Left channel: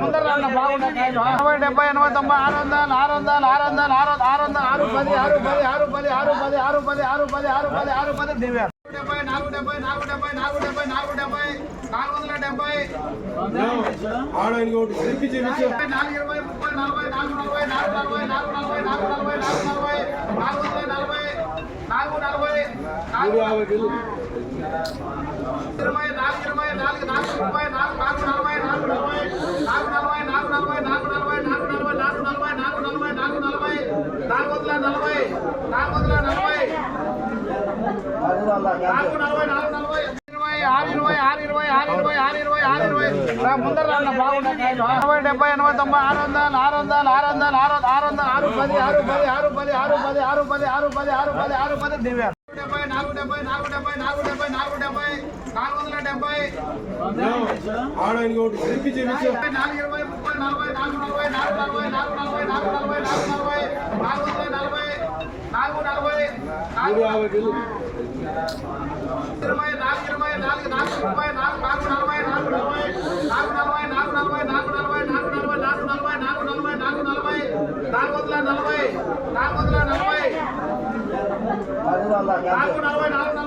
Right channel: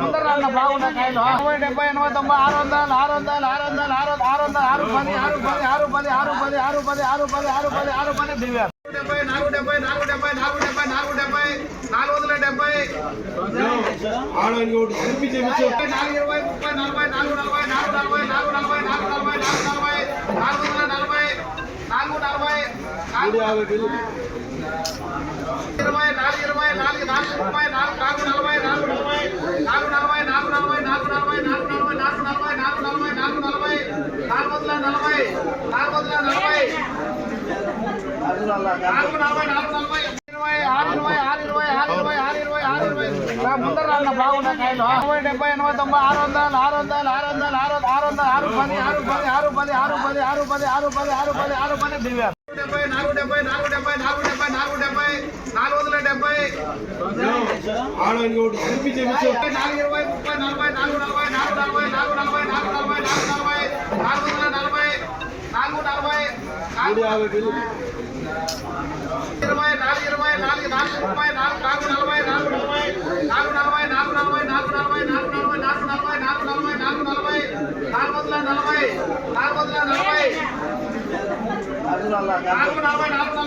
ముందర బాగుంటాయి 70 80 90 600 600 600 600 600 6 10 6 10 6 10 6 10 6 10 6 10 6 10 దివ్య 470 470 470 470 ముందర బాగుంటాయి 70 80 90 600 600 600 600 6 10 6 10 6 10 6 10 6 10 6 10 6 10 6 10 దివ్య 470 470 470 470 440